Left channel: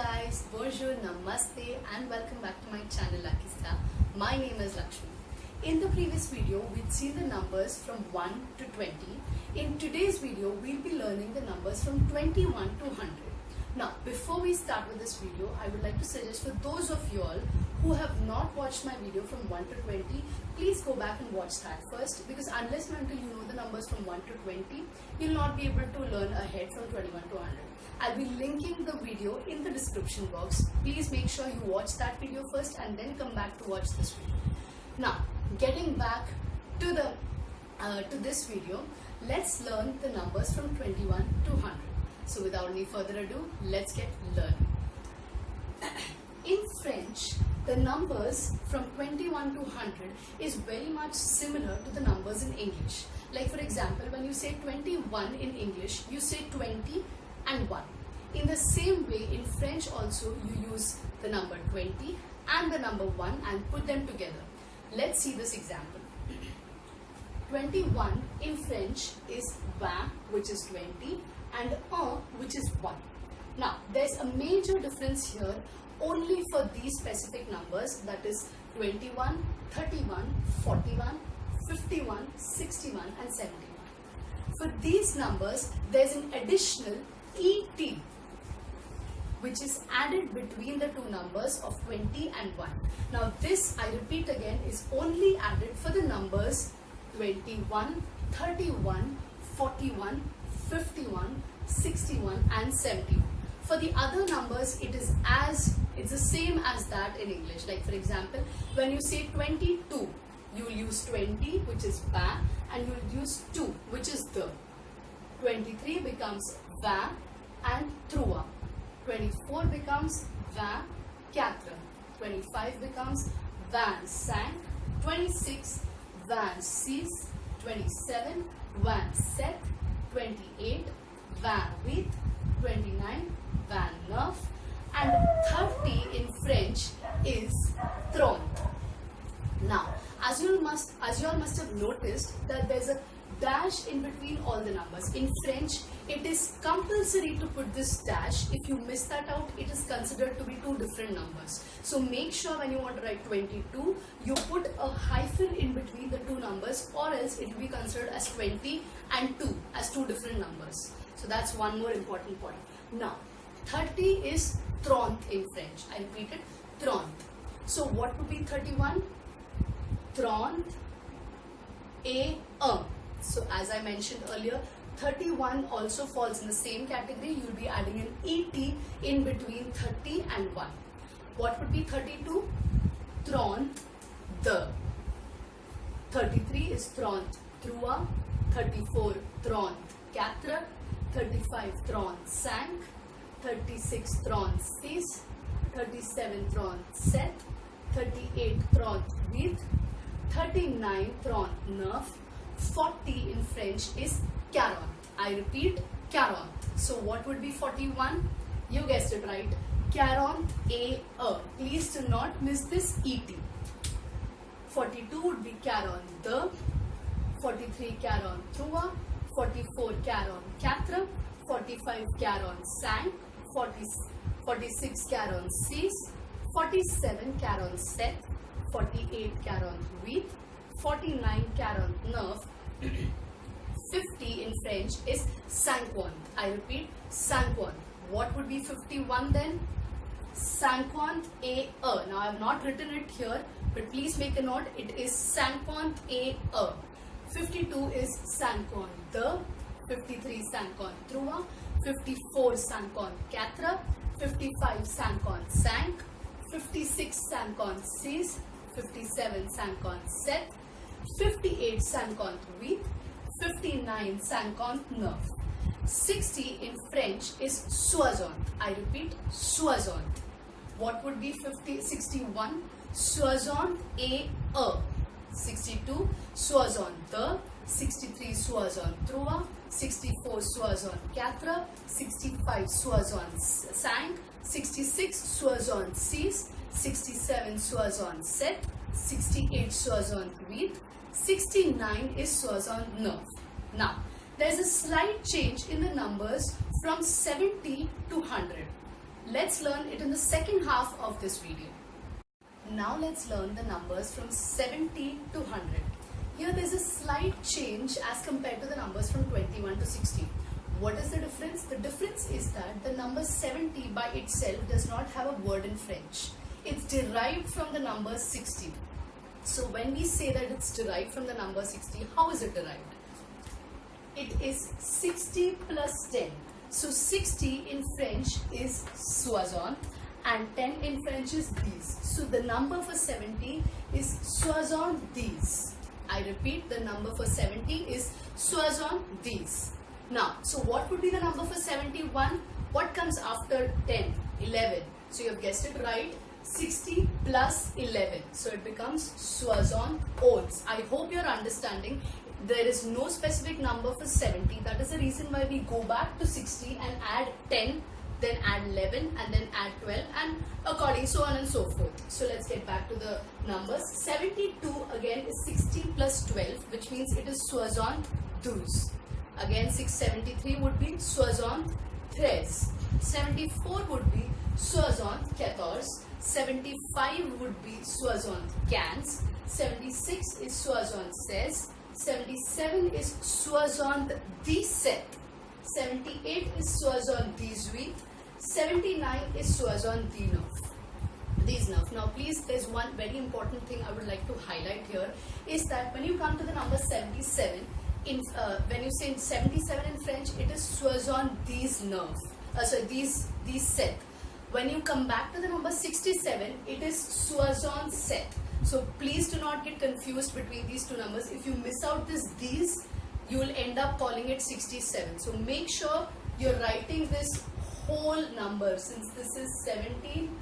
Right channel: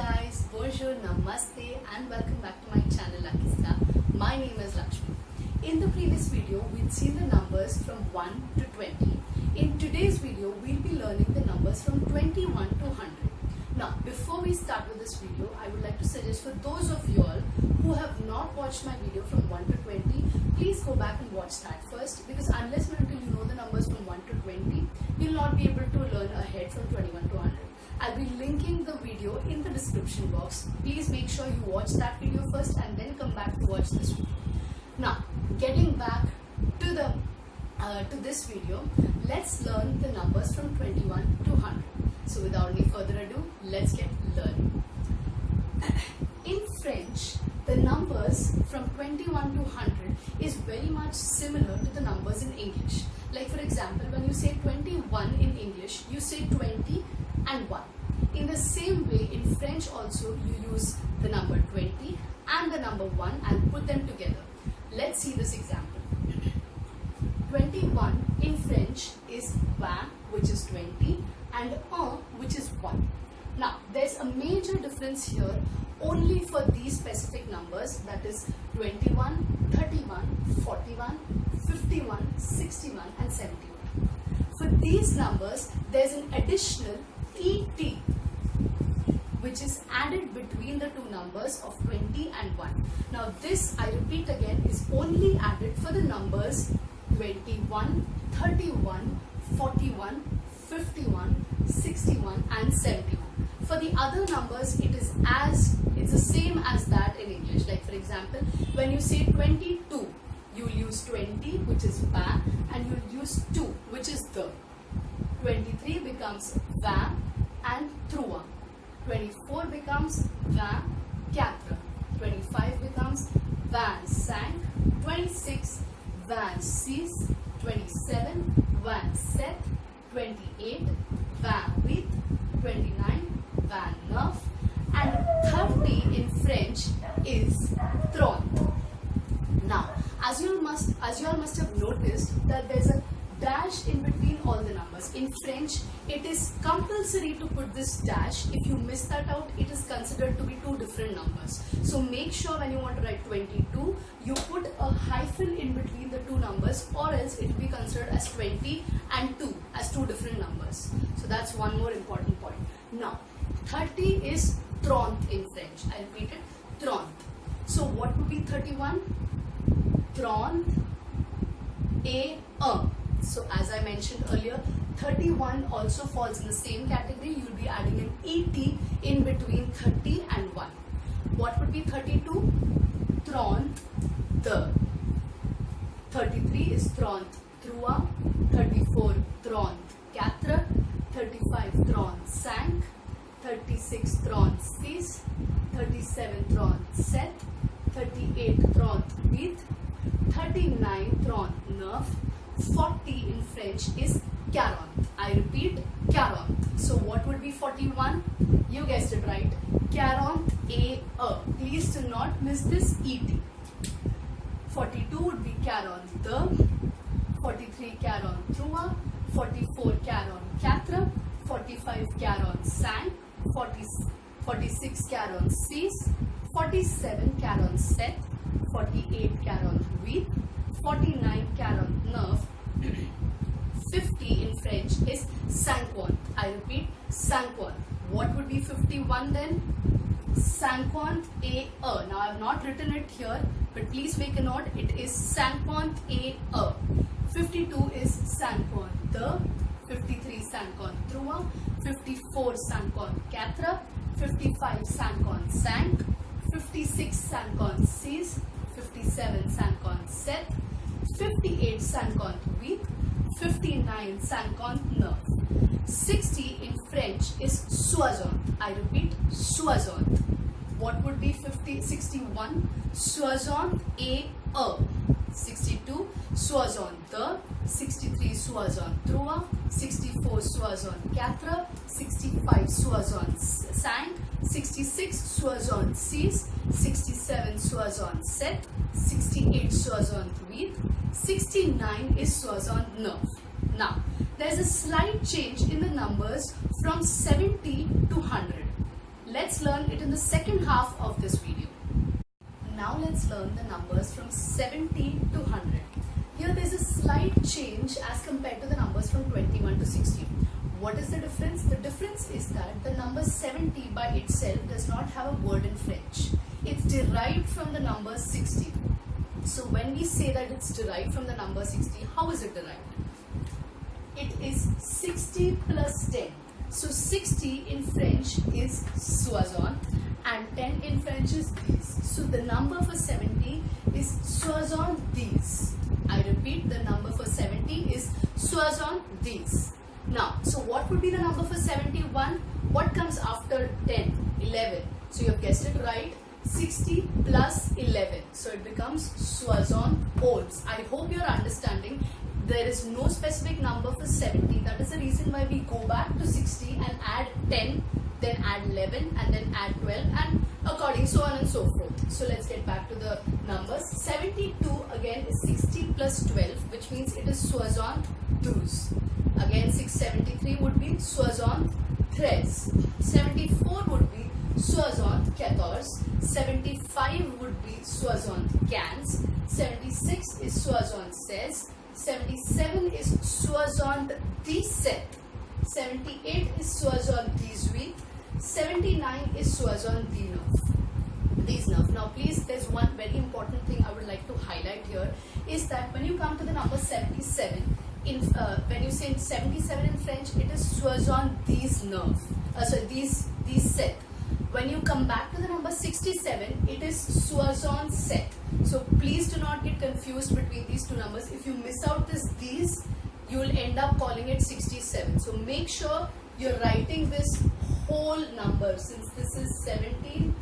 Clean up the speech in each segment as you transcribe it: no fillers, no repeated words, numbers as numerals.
guys, bonjour, namaste and welcome back to my channel Lucky Star. My name is Lakshmi. In the previous video, we'd seen the numbers from 1 to 20. In today's video, we'll be learning the numbers from 21 to 100. Now, before we start with this video, I would like to suggest for those of you all who have not watched my video from 1 to 20, please go back and watch that first, because unless and until you know the numbers from 1 to 20, you'll not be able to learn ahead from 21 to 100. I'll be linking the video in the description box. Please make sure you watch that video first and then come back to watch this video. Now, getting back to this video, let's learn the numbers from 21 to 100. So without any further ado, let's get learning. In French, the numbers from 21 to 100 is very much similar to the numbers in English. Like for example, when you say 21 in English, you say 20 and 1. In the same way, in French also, you use the number 20 and the number 1 and put them together. Let's see this example. 21 in French is 20, which is 20, and 1, which is 1. Now, there's a major difference here only for these specific numbers, that is 21, 31, 41, 51, 61 and 71. For these numbers, there's an additional ET which is added between the two numbers of 20 and 1. Now this, I repeat again, is only added for the numbers 21, 31, 41, 51, 61 and 71. For the other numbers, it's the same as that in English. Like for example, when you say 22, you will use 20, which is va, and you will use 2, which is the. 23 becomes va and trois. 24 becomes 24. 25 becomes 25. 26 26. 27 27. 28 28. 29 29. And 30 in French is 30. Now, as you all must have noticed that there's a dash in between all the numbers. In French, it is compulsory to put this dash. If you miss that out, it is considered to be two different numbers. So make sure when you want to write 22, you put a hyphen in between the two numbers, or else it will be considered as 20 and 2 as two different numbers. So that's one more important point. Now, 30 is 30 in French. I repeat it, 30. So what would be 31? 30 et 1. So as I mentioned earlier, 31 also falls in the same category. You will be adding an ET in between 30 and 1. What would be 32? 32. 33 is 33. 34 34. 35 35. 36 36. 37 37. 38 38. 39 39. 40 in French is 40. I repeat, 40. So what would be 41? You guessed it right. 40 et 1. Please do not miss this ET. 42 would be 42. 43 43. 44 44. 45 45. 46 46. 47 47. 48 48. 49 49. 50 in French is 50. I repeat, 50. What would be 51 then? 50 et 1. Now I have not written it here, but please make a note. It is 50 et 1. 52 is 52. 53 53. 54 54. 55 55. 56 56. 57 57. 58 58. 59 59. 60 in French is 60. I repeat, 60. What would be 61? 60 et 1. 62 62. 63 63. 64 64. 65 65. 66 66. 67 67. 68 68. 69 is 69. Now, there's a slight change in the numbers from 70 to 100. let's learn it in the second half of this video. Now let's learn the numbers from 70 to 100. Here there's a slight change as compared to the numbers from 21 to 60. What is the difference? The difference is that the number 70 by itself does not have a word in French. It's derived from the number 60. So when we say that it's derived from the number 60, how is it derived? It is 60 plus 10. So 60 in French is soixante and 10 in French is dix. So the number for 70 is soixante-dix. I repeat, the number for 70 is soixante-dix. Now, so what would be the number for 71? What comes after 10? 11. So you have guessed it right. 60 plus 11. So it becomes soixante-onze. I hope you're understanding. There is no specific number for 70. That is the reason why we go back to 60 and add 10, then add 11 and then add 12 and according so on and so forth. So let's get back to the numbers. 72 again is 60 plus 12, which means it is soixante-douze. Again 673 would be soixante-treize. 74 would be soixante-quatorze. 75 would be soixante-quinze. 76 is soixante-seize. 77 is soixante-dix-sept. 78 is soixante-dix-huit. 79 is soixante-dix-neuf. Now please, there's one very important thing I would like to highlight here is that when you come to the number 77, when you say 77 in French, it is soixante-dix-neuf. Dix-sept. When you come back to the number 67, it is soixante-sept. So please do not get confused between these two numbers. If you miss out this these, you will end up calling it 67. So make sure you're writing this whole number, since this is 17,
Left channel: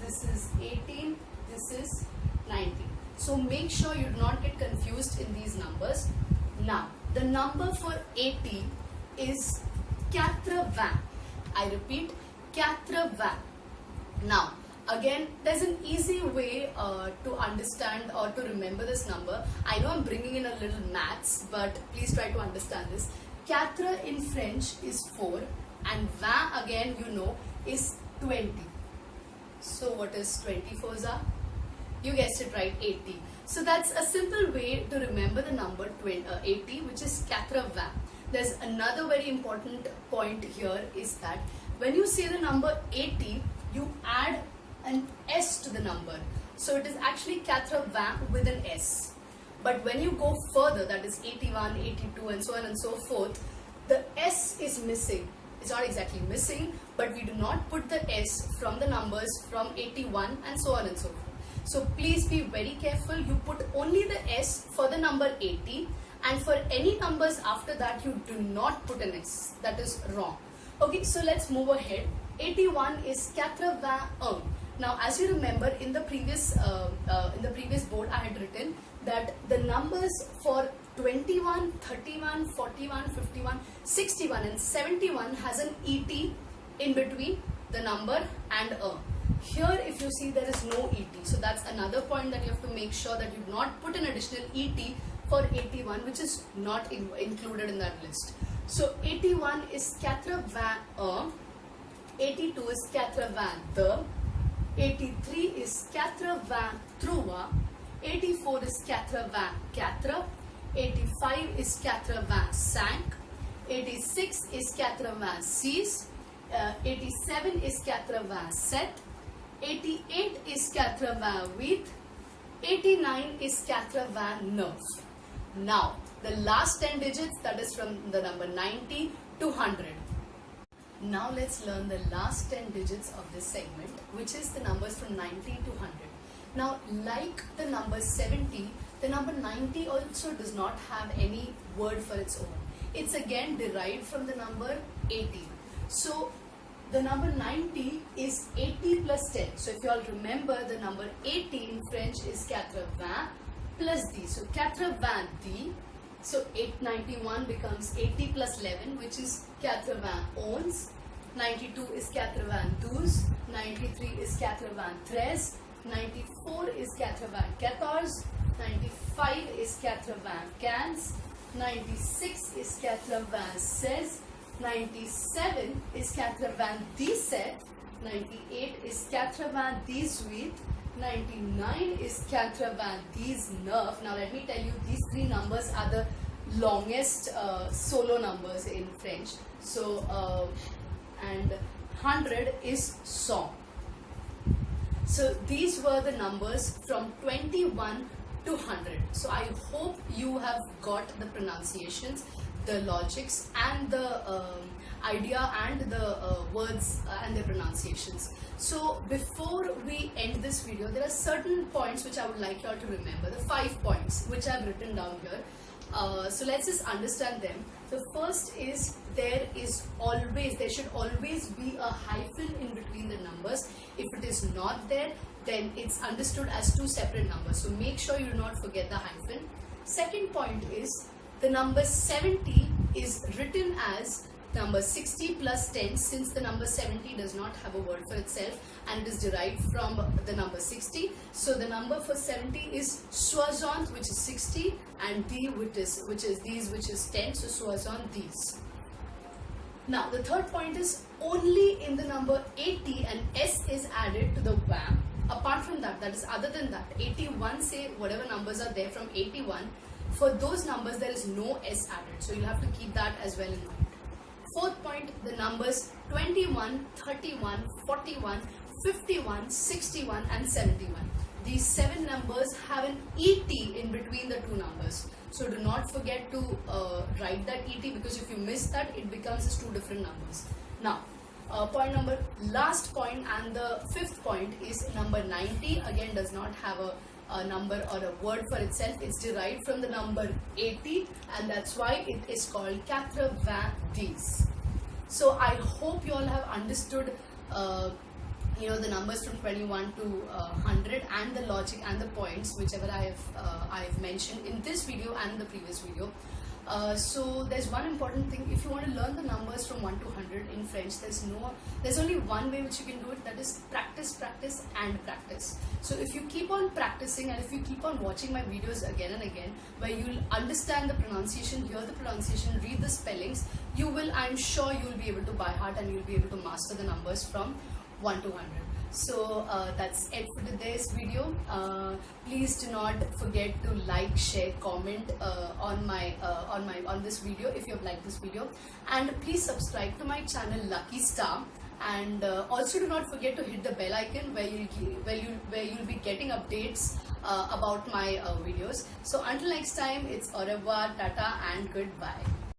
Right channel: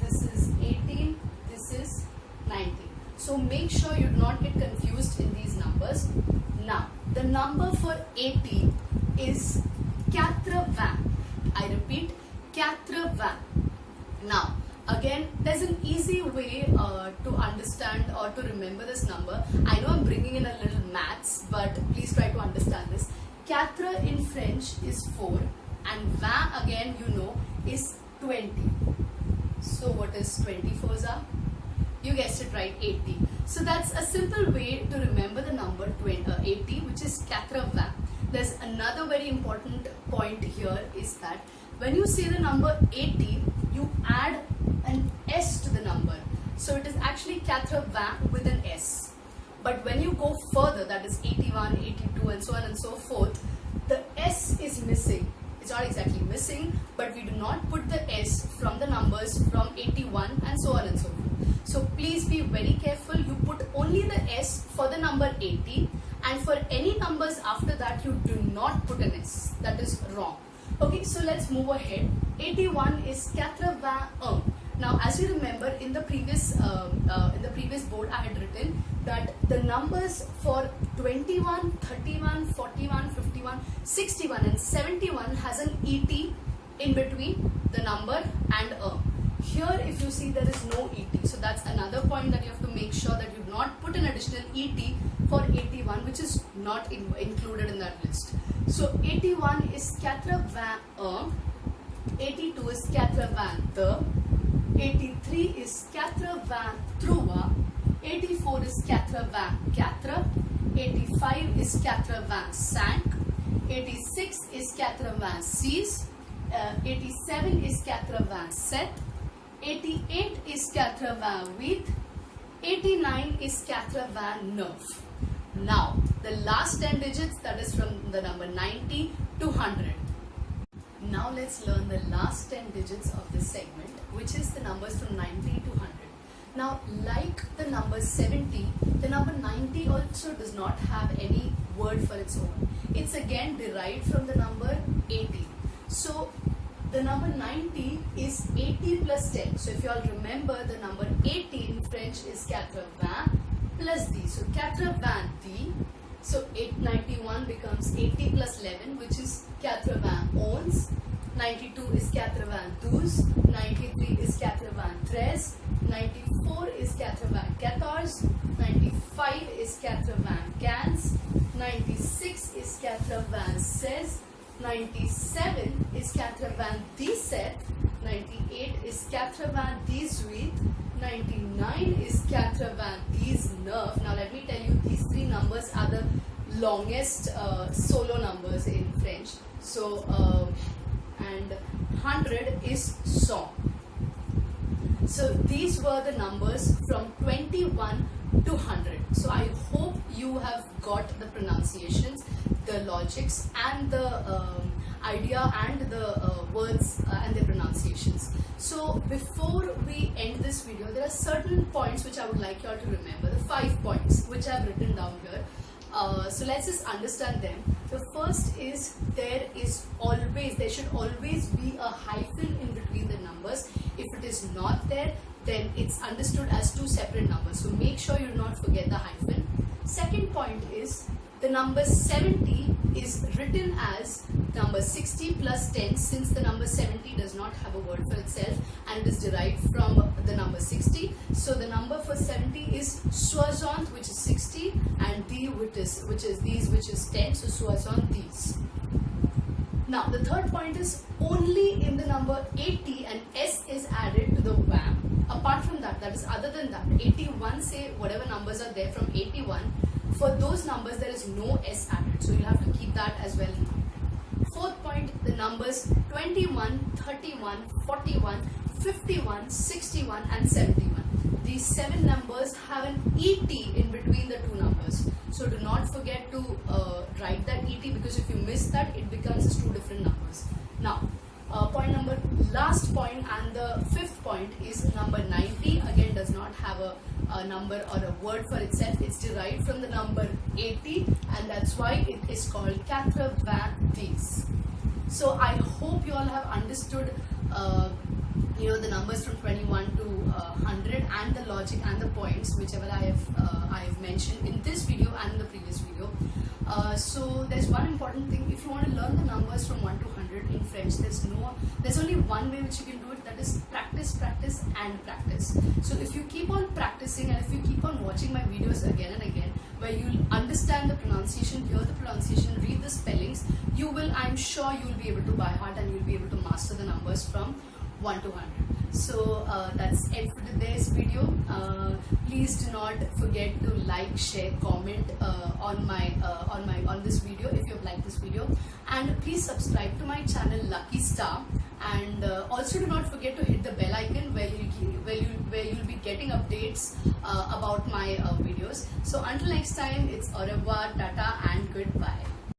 this is 18, this is 19. So make sure you do not get confused in these numbers. Now, the number for 80 is 80. I repeat, 80. Now, again, there's an easy way to understand or to remember this number. I know I'm bringing in a little maths, but please try to understand this. 4 in French is 4 and 20 again, you know, is 20. So what is 24 za? You guessed it right, 80. So that's a simple way to remember the number 80, which is 80. There's another very important point here is that when you say the number 80, you add an S to the number. So it is actually 80 with an S. But when you go further, that is 81, 82 and so on and so forth, the S is missing. It's not exactly missing, but we do not put the S from the numbers from 81 and so on and so forth. So please be very careful. You put only the S for the number 80 and for any numbers after that you do not put an S. That is wrong. Okay, so let's move ahead. 81 is 81. Now, as you remember, in the previous board, I had written that the numbers for 21, 31, 41, 51, 61, and 71 has an ET in between the number and a. Here, if you see, there is no ET. So that's another point that you have to make sure that you do not put an additional ET for 81, which is not included in that list. So 81 is 81. 82 is 82. 83 is 83. 84 is 84. 85 is 85. 86 is 86. 87 is 87. 88 is 88. 89 is 89. Now, the last 10 digits, that is from the number 90 to 100. Now let's learn the last 10 digits of this segment, which is the numbers from 90 to 100. Now, like the number 70, the number 90 also does not have any word for its own. It's again derived from the number 80. So, the number 90 is 80 plus 10. So, if you all remember, the number 80 in French is 80 plus D. So, 80 D. So 891 becomes 80 plus 11, which is 91. 92 is 92. 93 is 93. 94 is 94. 95 is 95. 96 is 96. 97 is 97. 98 is 98, 99 is 99. Now let me tell you, these three numbers are the longest solo numbers in French. So and 100 is 100. So these were the numbers from 21 to 100. So I hope you have got the pronunciations, the logics, and the idea and the words and their pronunciations. So before we end this video, there are certain points which I would like you all to remember, the 5 points which I have written down here. So let's just understand them. The first is there should always be a hyphen in between the numbers. If it is not there, then it's understood as two separate numbers. So make sure you do not forget the hyphen. Second point is the number 70 is written as number 60 plus 10, since the number 70 does not have a word for itself and it is derived from the number 60. So the number for 70 is 60, which is 60, and D, which is these, which is 10. So 60 these. Now the third point is only in the number 80 an S is added to the VAM. Apart from that, that is other than that, 81, say whatever numbers are there from 81, for those numbers there is no S added. So you'll have to keep that as well in mind. Fourth point, the numbers 21, 31, 41, 51, 61 and 71. These 7 numbers have an ET in between the two numbers. So do not forget to write that ET, because if you miss that, it becomes as two different numbers. Now, last point and the 5th point is number 90. Again, does not have a number or a word for itself. It's derived from the number 80, and that's why it is called 90. So I hope you all have understood the numbers from 21 to 100 and the logic and the points whichever I have mentioned in this video and in the previous video. So there's one important thing. If you want to learn the numbers from 1 to 100 in French, there's only one way which you can do it, that is practice, practice and practice. So if you keep on practicing and if you keep on watching my videos again and again, where you'll understand the pronunciation, hear the pronunciation, read the spellings, I'm sure you'll be able to by heart and you'll be able to master the numbers from 1 to 100. So that's it for today's video. Please do not forget to like, share, comment on this video if you have liked this video, and please subscribe to my channel Lucky Star, and also do not forget to hit the bell icon where you'll be getting updates about my videos. So until next time, it's au revoir, tata and goodbye.